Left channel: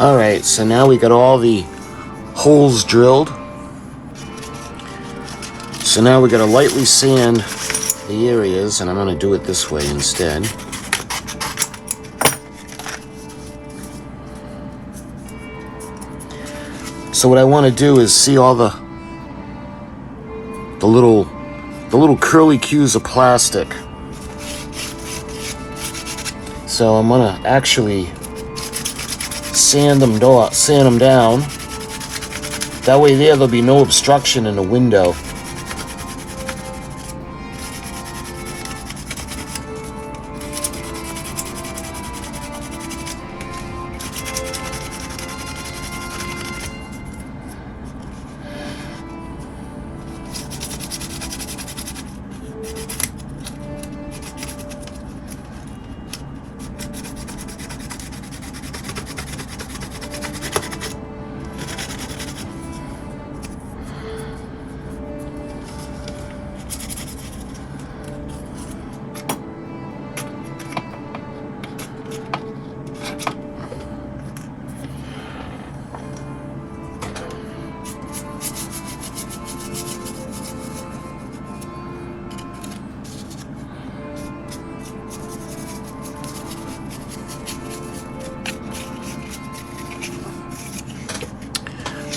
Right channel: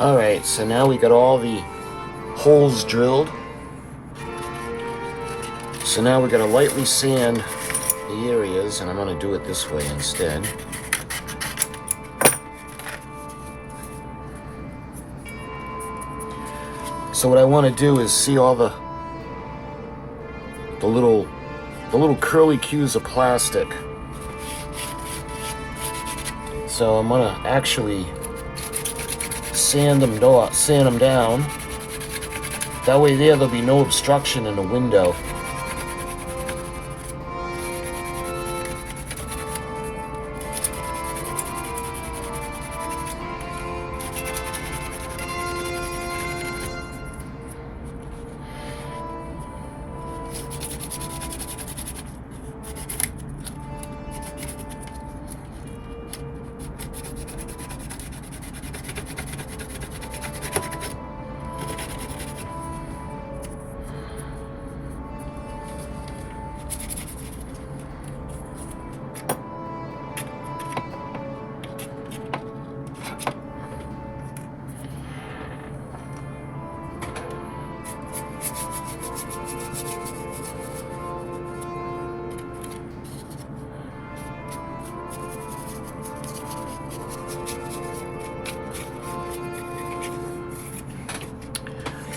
Alright, so now we got all the holes drilled. So now we got to lightly sand the areas, and I'm going to do it this way instead. So what I want to do is see all the little curly cues of plastic. So I'm going to actually sand them down. That way there'll be no obstruction in the window.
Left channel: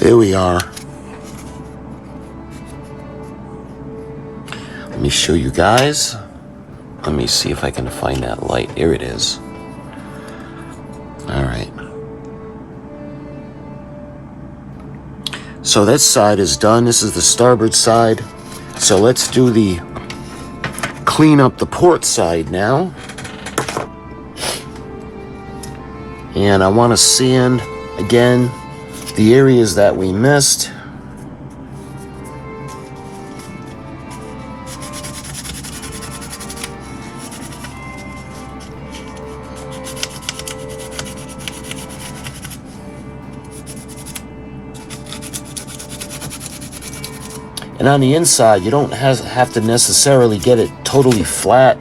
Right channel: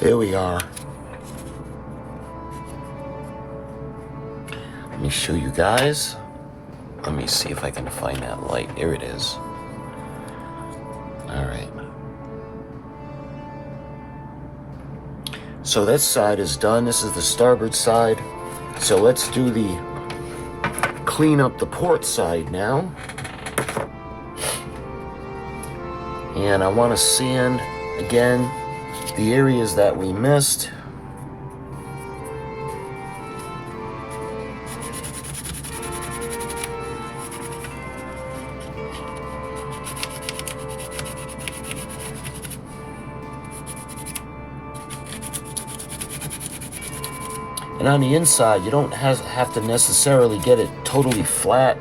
There we are. Let me show you guys. Let me see if I can find that light. Here it is. All right. So that side is done. This is the starboard side. So let's do the clean up the port side now. And I want to sand again the areas that we missed. And on the inside, you don't have to necessarily get it totally flat,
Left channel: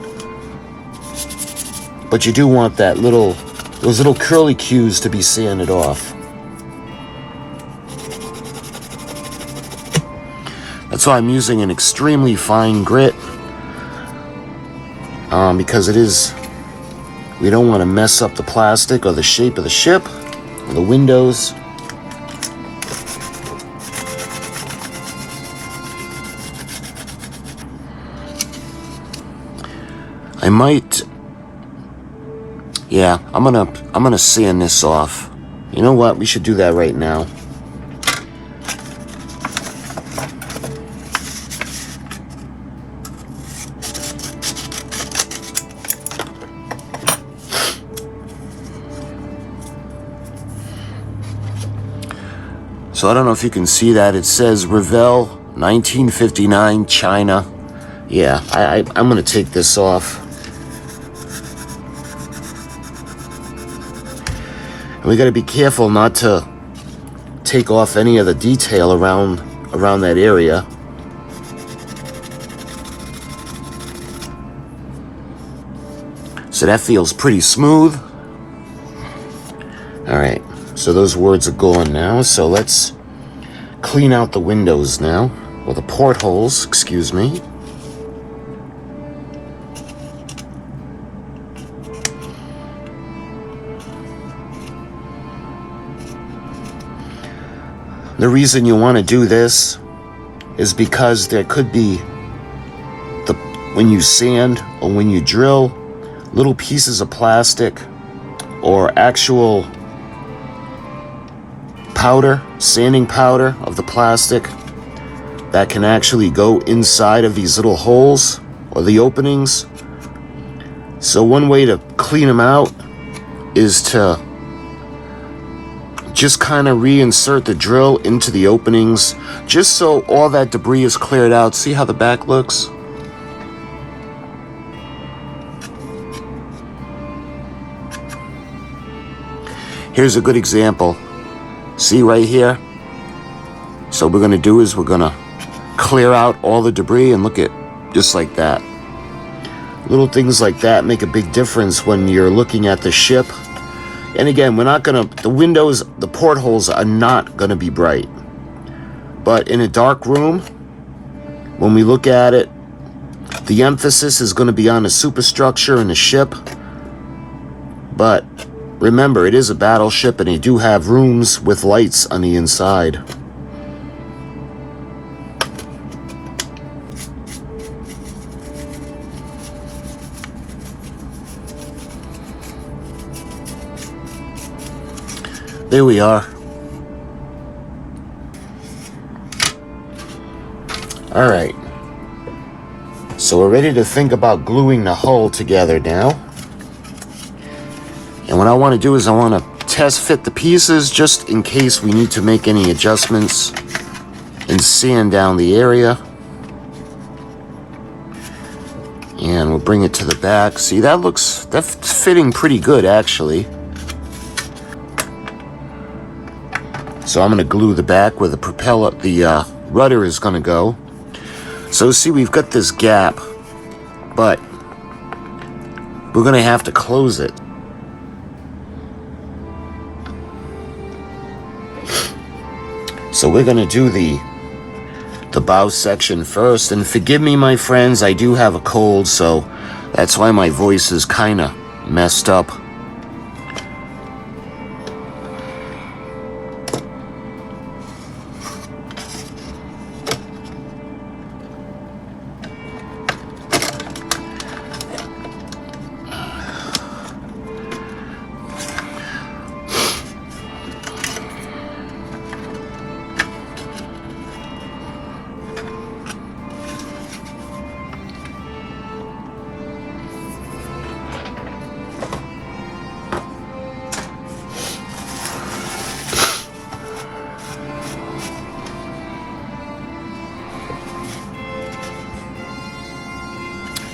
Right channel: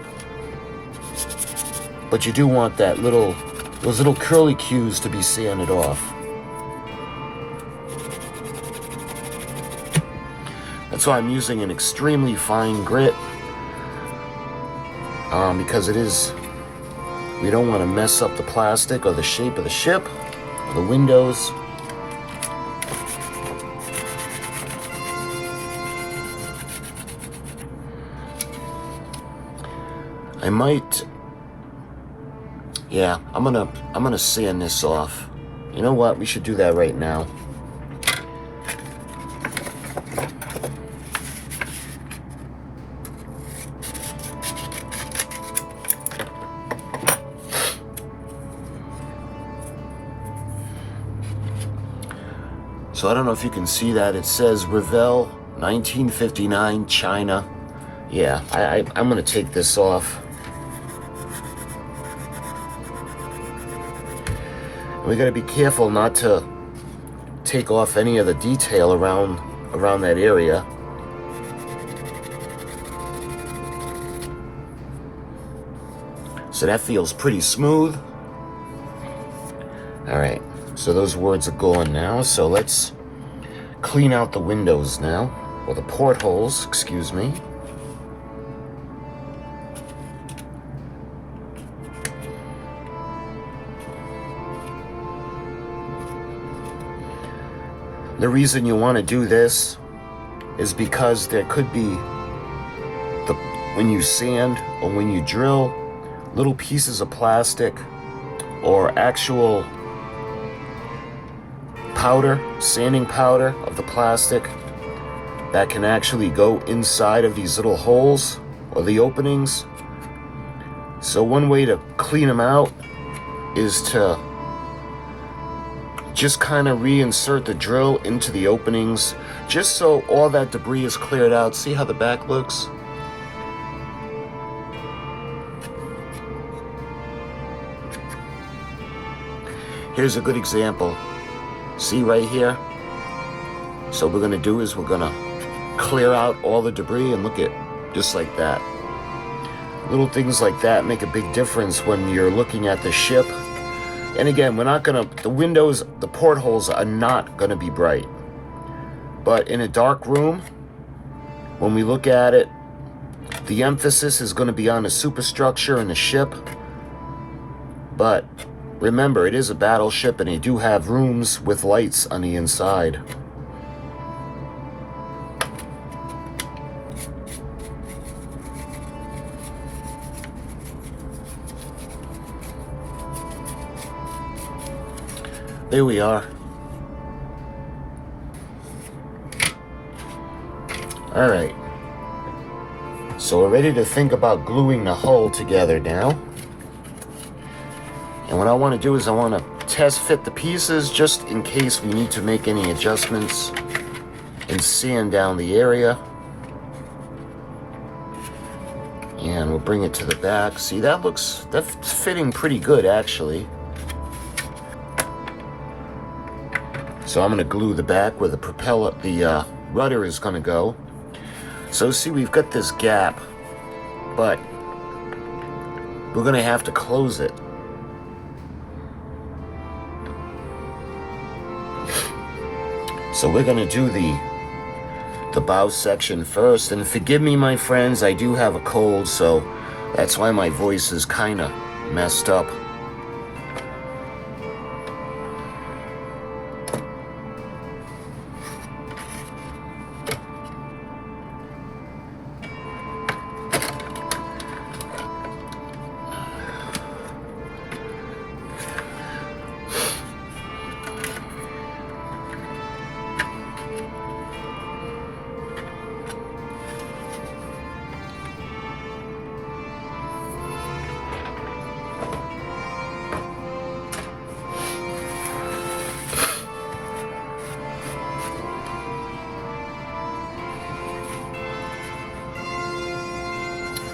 but you do want those little curly cues to be sanded off. That's why I'm using an extremely fine grit, because we don't want to mess up the plastic or the shape of the ship or the windows. Yeah, I'm gonna sand this off. You know what? We should do that right now. So I don't know if you can see that. It says Revell 1959 China. Yeah, I'm gonna take this off. And we gotta be careful not to take off any of the detail around that area. So that feels pretty smooth. All right, so those words are gone now. So let's clean out the windows now, or the portholes, excuse me. The reason you want to do this is because there could be, when you sand or when you drill, little pieces of plastic or actual powder, sanding powder of the plastic that can actually go inside of these little holes or the openings. So one way to clean them out is to just kind of reinsert the drill into the openings, just so all that debris is cleared out. See how the back looks? Here's a good example. See right here? So what we're gonna do is we're gonna clear out all the debris, and look at, just like that. Little things like that make a big difference when you're looking at the ship. And again, we're not gonna, the windows, the portholes are not gonna be bright. But in a dark room, when we look at it, the emphasis is gonna be on the superstructure and the ship. But remember, it is a battleship, and they do have rooms with lights on the inside. There we are. All right. So we're ready to think about gluing the hull together now. And what I want to do is I want to test fit the pieces just in case we need to make any adjustments and sand down the area. And we'll bring it to the back. See, that's fitting pretty good actually. So I'm going to glue the back where the propeller, the rudder is going to go. So see, we've got this gap, but we're going to have to close it. So we're going to do the bow section first. And forgive me, my friends, I do have a cold, so that's why my voice is kind of messed up.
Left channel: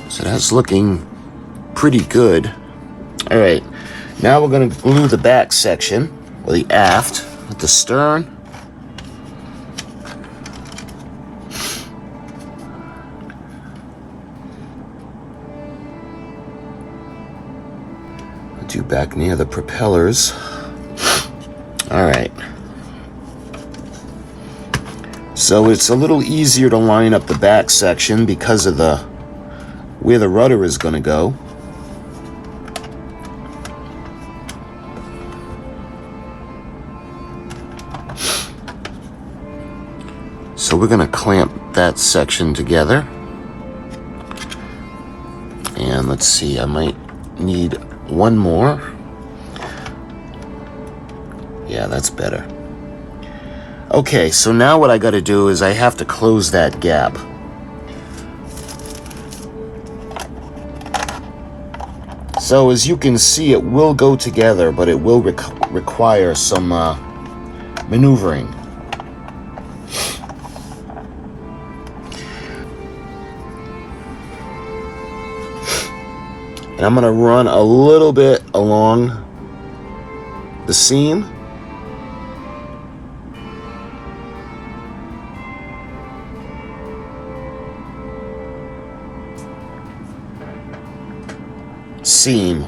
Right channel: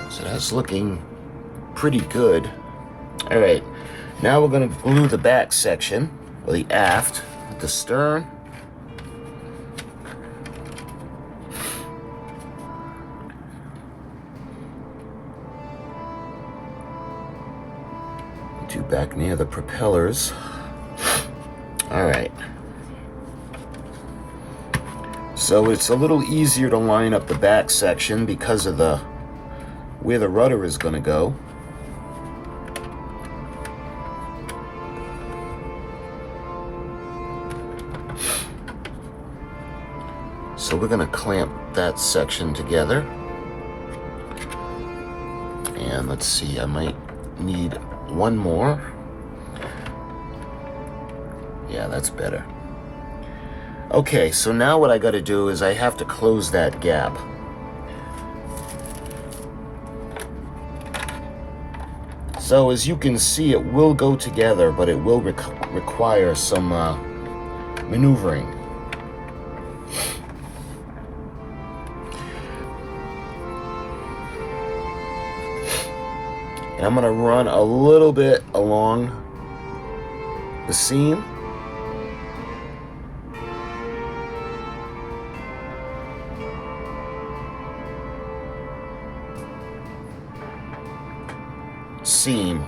So that's looking pretty good. All right, now we're going to glue the back section, or the aft, at the stern. Do back near the propellers. All right. So it's a little easier to line up the back section because of where the rudder is going to go. So we're going to clamp that section together. And let's see, I might need one more. Yeah, that's better. Okay, so now what I got to do is I have to close that gap. So as you can see, it will go together, but it will require some maneuvering. And I'm going to run a little bit along the seam.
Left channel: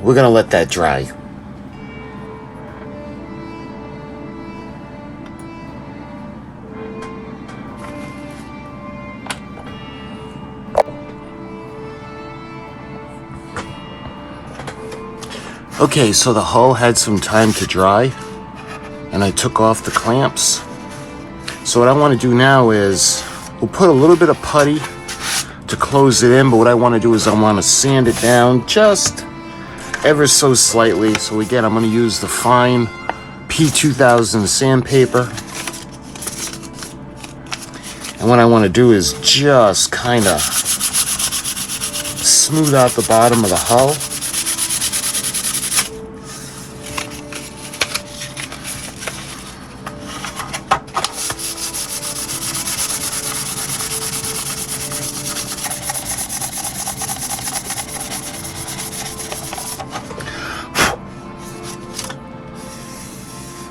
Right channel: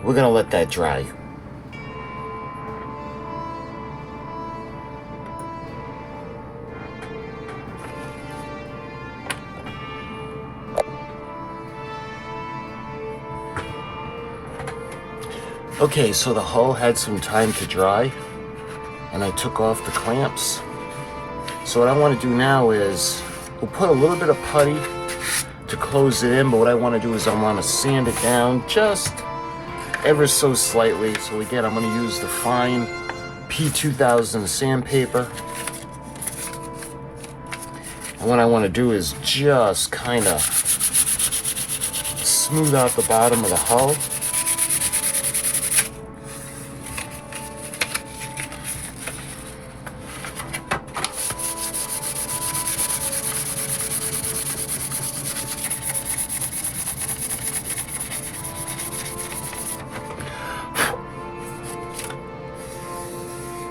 We're going to let that dry. Okay, so the hull had some time to dry, and I took off the clamps. So what I want to do now is we'll put a little bit of putty to close it in, but what I want to do is I want to sand it down just ever so slightly. So again, I'm going to use the fine P2000 sandpaper. And what I want to do is just kind of smooth out the bottom of the hull.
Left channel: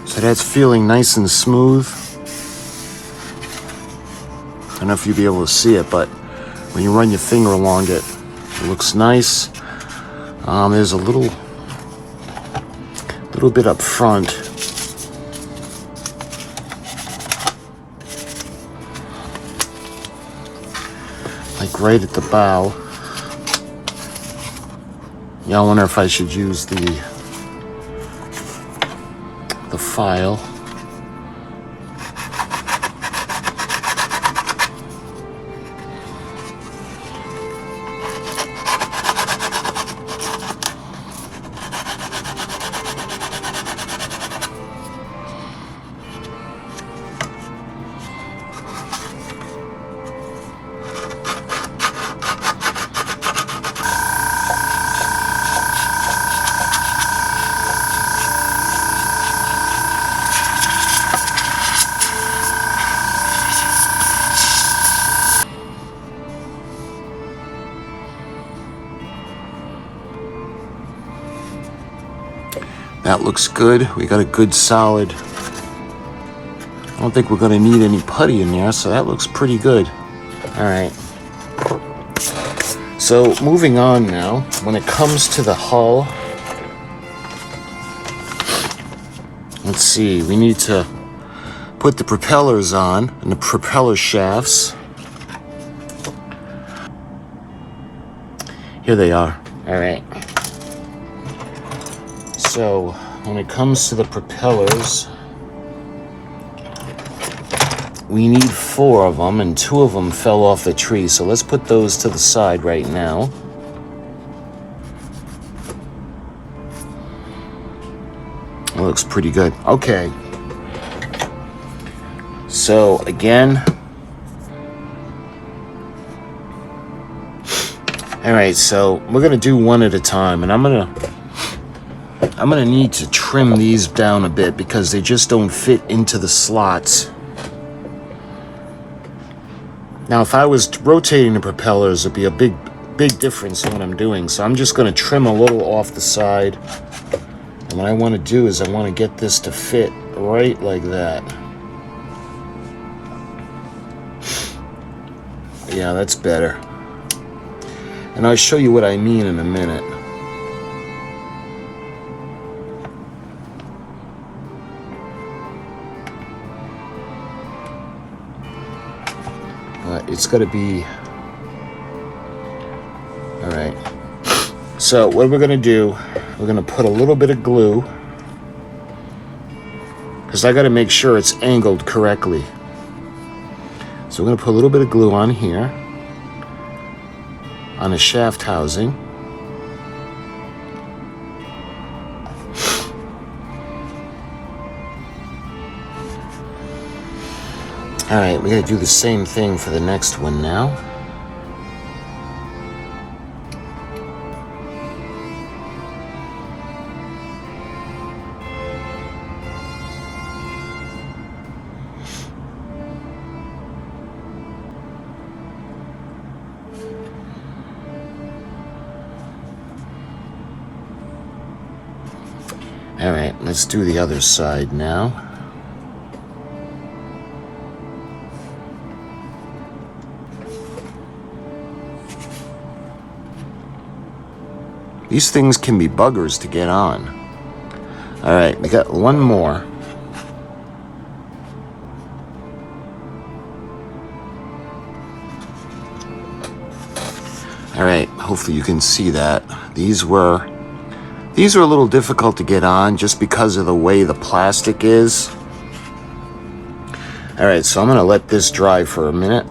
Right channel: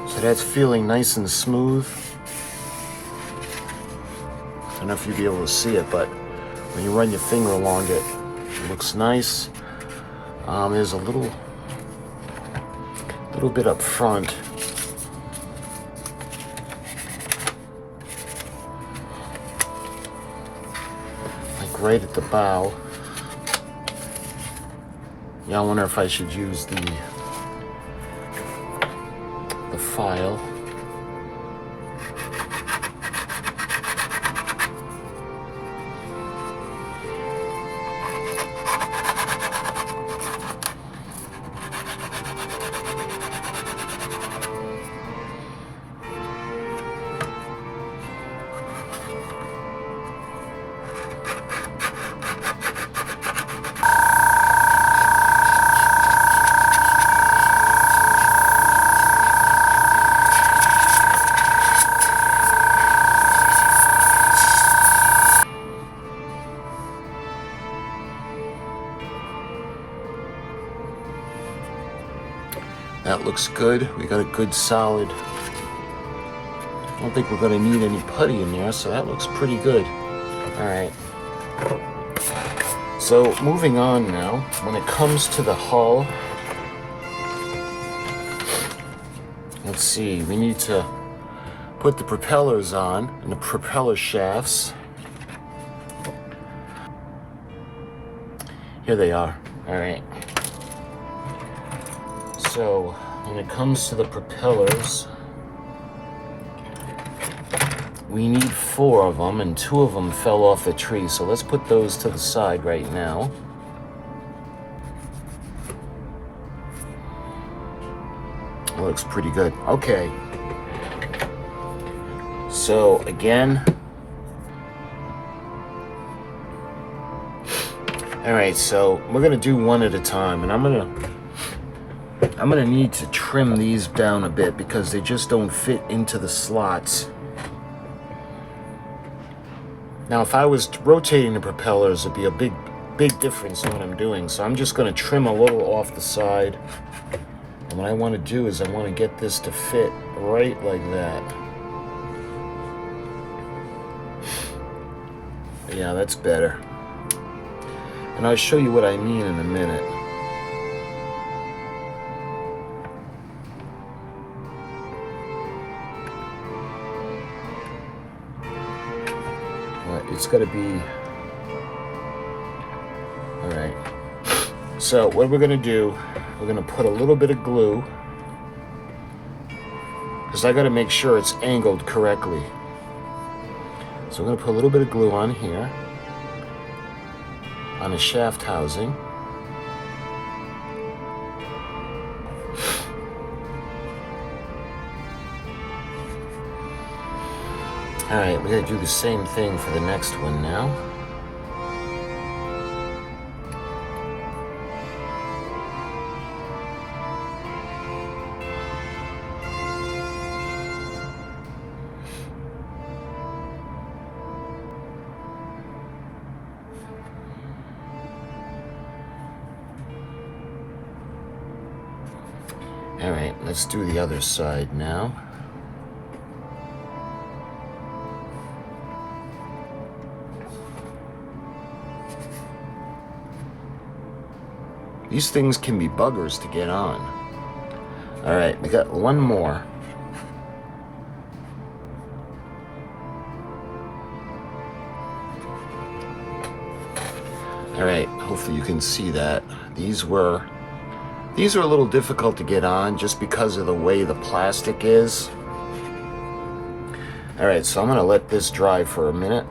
So that's feeling nice and smooth. I don't know if you'll be able to see it, but when you run your finger along it, it looks nice. There's a little bit up front. Like right at the bow. Yeah, I wonder if I should use the file. That looks good. We got a good solid. I don't think we're going to need any putty in there, so that looks pretty good. All right. So moving on now, when it comes to the hull, let's see, we need to put the propellers on and the propeller shafts. Here they are. All right. So when it comes to the propellers, we need 4 of them, and 2 of them fell off the tree. So let's put those to the side right now. It looks pretty good. Okay. So again, all right, so we're gonna do one at a time, and I'm gonna need to trim these down a bit because they just don't fit into the slots. Now, if I was rotating the propellers, it'd be a big difference in what I'm doing. So I'm just going to trim a little off the side. And what I want to do is I want to get this to fit right like that. Yeah, that's better. And I'll show you what I mean in a minute. It's got to be all right. So what we're going to do, we're going to put a little bit of glue, because I got to make sure it's angled correctly. So we're going to put a little bit of glue on here, on the shaft housing. Alright, we're going to do the same thing for the next one now. Alright, let's do the other side now. These things can be buggers to get on. Alright, we got one more. Alright, hopefully you can see that. These were a little difficult to get on just because of the way the plastic is. Alright, so I'm going to let this dry for a minute.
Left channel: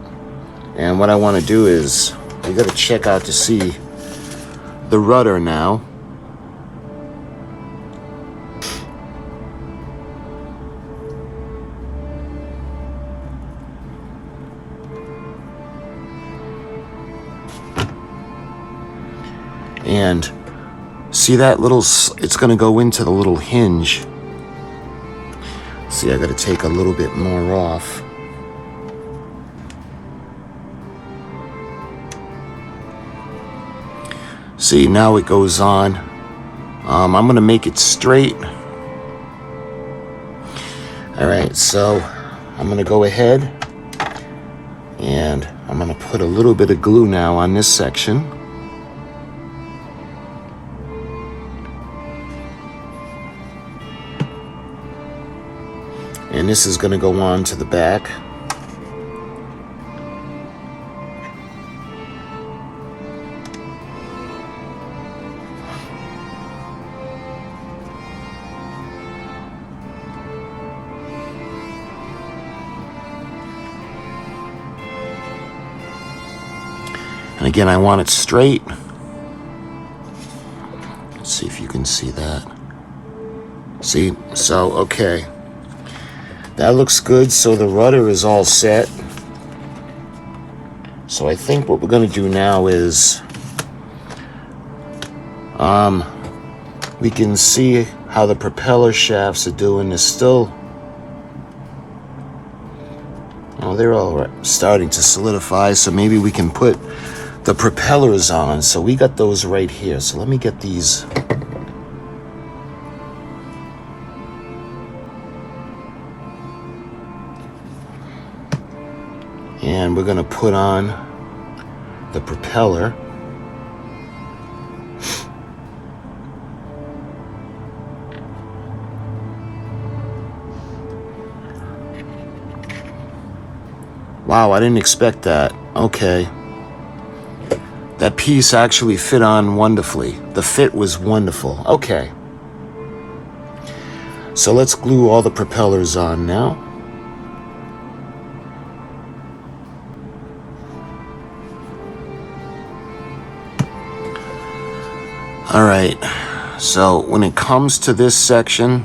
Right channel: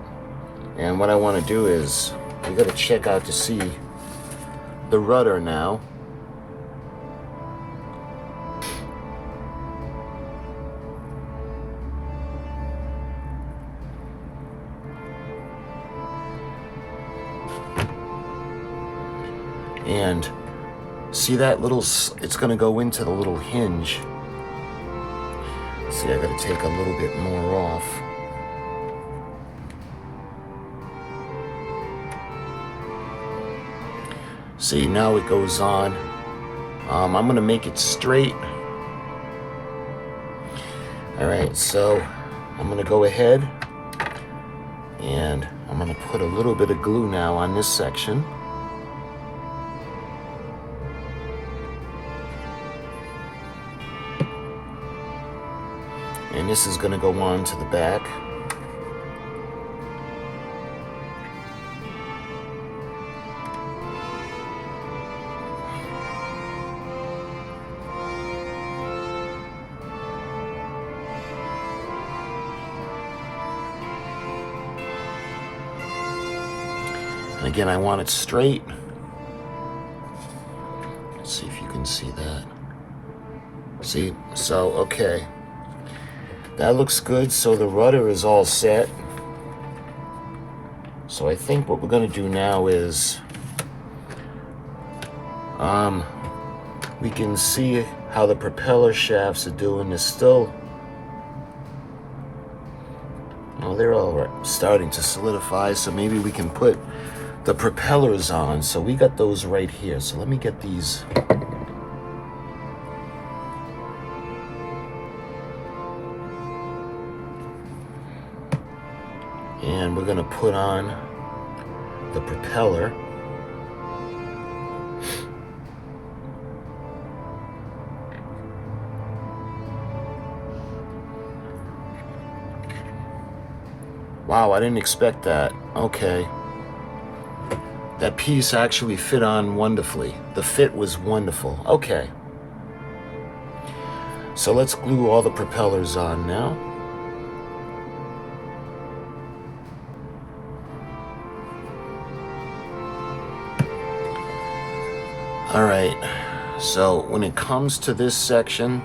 And what I want to do is, we got to check out to see the rudder now. And see that little, it's going to go into the little hinge. See, I got to take a little bit more off. See, now it goes on. I'm going to make it straight. Alright, so I'm going to go ahead and I'm going to put a little bit of glue now on this section. And this is going to go on to the back. And again, I want it straight. Let's see if you can see that. See? So, okay. That looks good. So the rudder is all set. So I think what we're going to do now is we can see how the propeller shafts are doing. They're still, oh, they're all starting to solidify. So maybe we can put the propellers on. So we got those right here. So let me get these. And we're going to put on the propeller. Wow, I didn't expect that. Okay. That piece actually fit on wonderfully. The fit was wonderful. Okay. So let's glue all the propellers on now. All right. So when it comes to this section,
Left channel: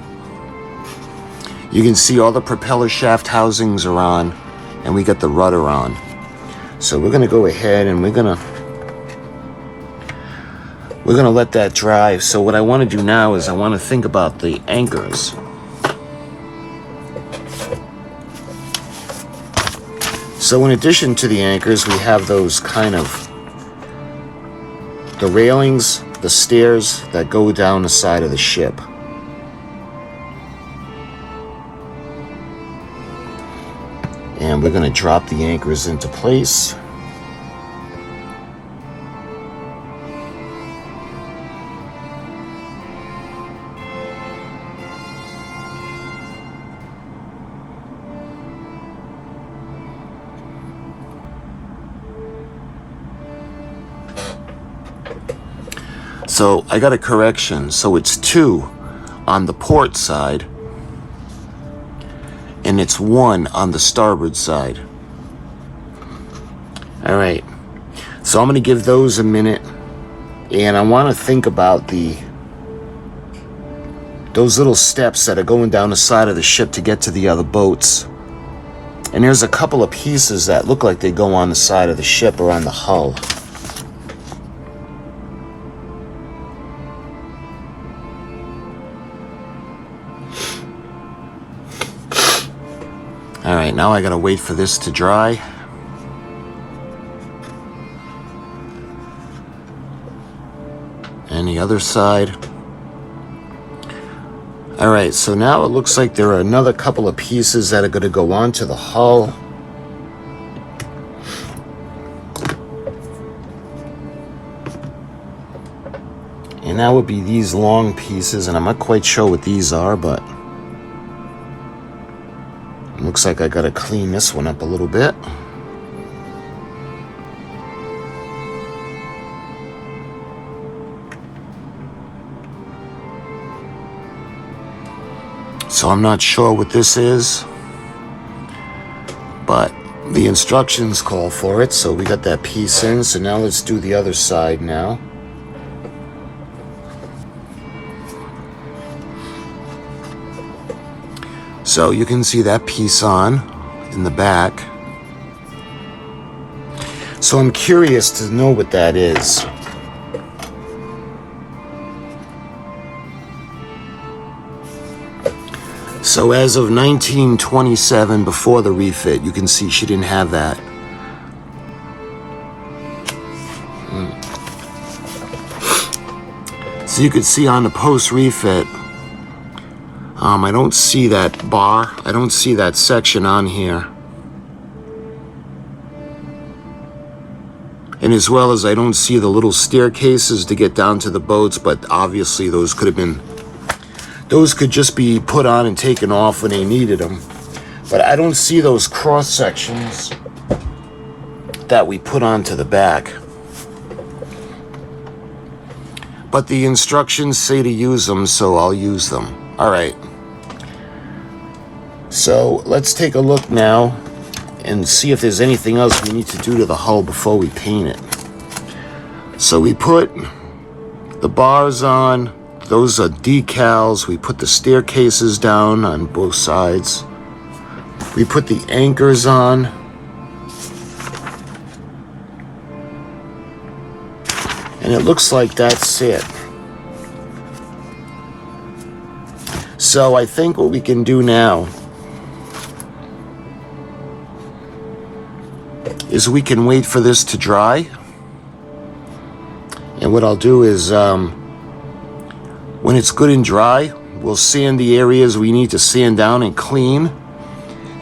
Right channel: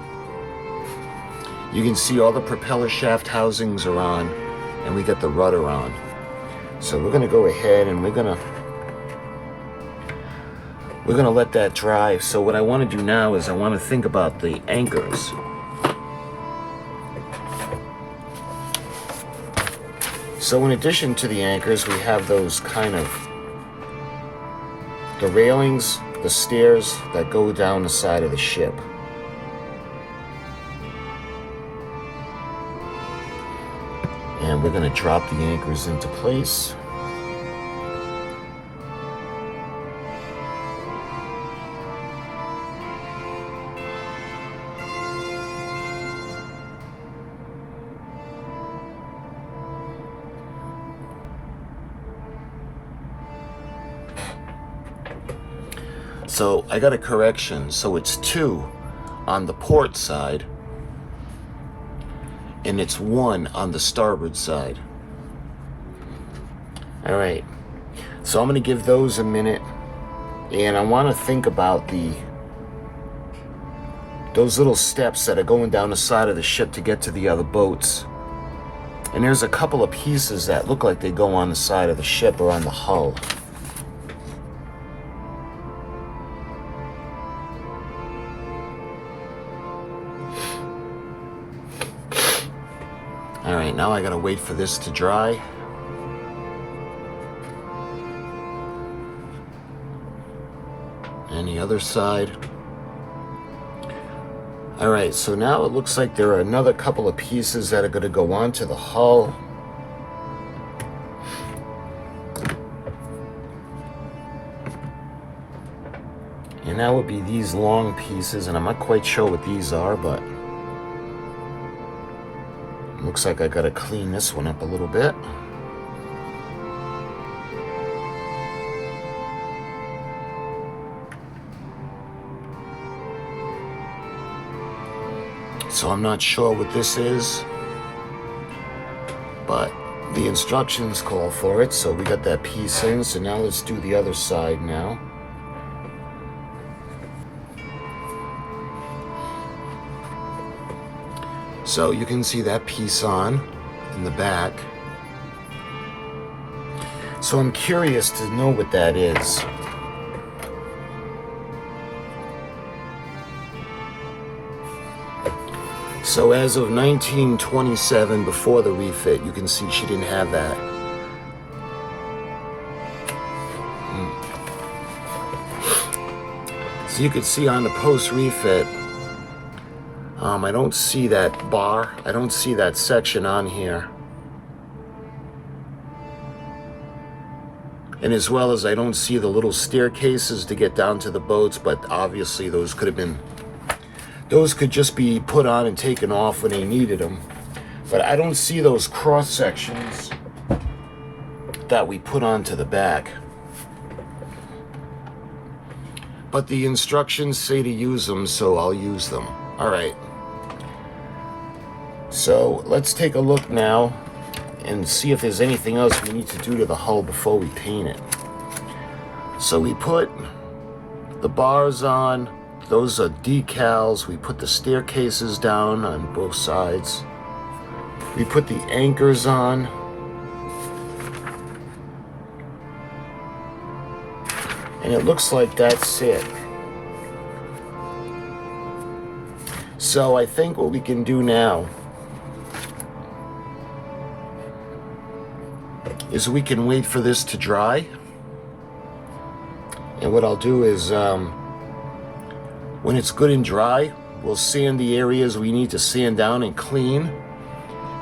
you can see all the propeller shaft housings are on, and we got the rudder on. So we're going to go ahead and we're going to let that dry. So what I want to do now is I want to think about the anchors. So in addition to the anchors, we have those kind of, the railings, the stairs that go down the side of the ship. And we're going to drop the anchors into place. So I got a correction. So it's 2 on the port side, and it's 1 on the starboard side. All right. So I'm going to give those a minute, and I want to think about those little steps that are going down the side of the ship to get to the other boats. And there's a couple of pieces that look like they go on the side of the ship or on the hull. All right, now I gotta wait for this to dry. And the other side. All right, so now it looks like there are another couple of pieces that are going to go onto the hull. And that would be these long pieces, and I'm not quite sure what these are, but it looks like I got to clean this one up a little bit. So I'm not sure what this is, but the instructions call for it, so we got that piece in. So now let's do the other side now. So you can see that piece on in the back. So I'm curious to know what that is. So as of 1927, before the refit, you can see she didn't have that. So you could see on the post-refit, I don't see that bar. I don't see that section on here. And as well as I don't see the little staircases to get down to the boats, but obviously those could have been, those could just be put on and taken off when they needed them. But I don't see those cross sections that we put onto the back. But the instructions say to use them, so I'll use them. All right. So let's take a look now and see if there's anything else we need to do to the hull before we paint it. So we put the bars on. Those are decals. We put the staircases down on both sides. We put the anchors on. And it looks like that's it. So I think what we can do now is we can wait for this to dry. And what I'll do is, when it's good and dry, we'll sand the areas we need to sand down and clean.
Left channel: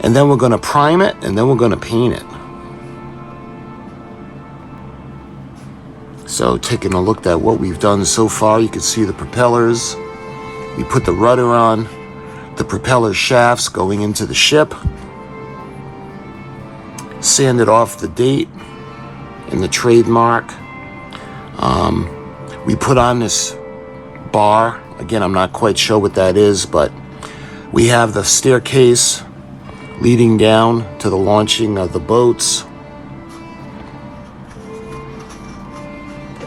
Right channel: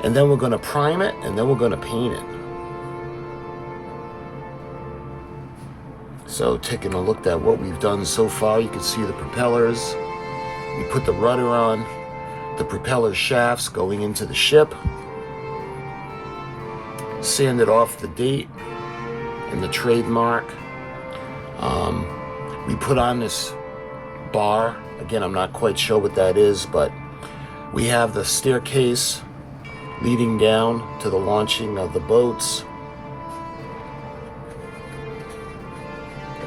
And then we're going to prime it, and then we're going to paint it. So taking a look at what we've done so far, you can see the propellers. We put the rudder on, the propeller shafts going into the ship. Sanded off the date and the trademark. We put on this bar. Again, I'm not quite sure what that is, but we have the staircase leading down to the launching of the boats.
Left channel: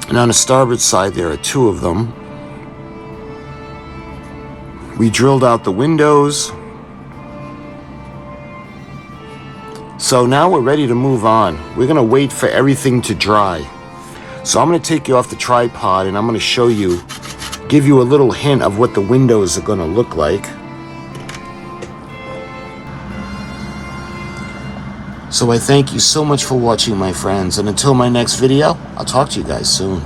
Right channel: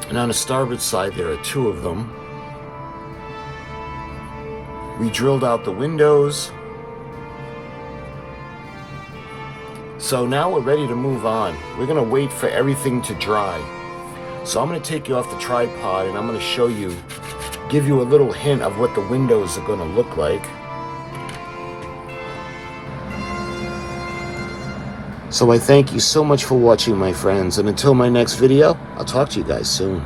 And on the starboard side, there are two of them. We drilled out the windows. So now we're ready to move on. We're gonna wait for everything to dry. So I'm gonna take you off the tripod and I'm gonna show you, give you a little hint of what the windows are gonna look like. So I thank you so much for watching, my friends, and until my next video, I'll talk to you guys soon.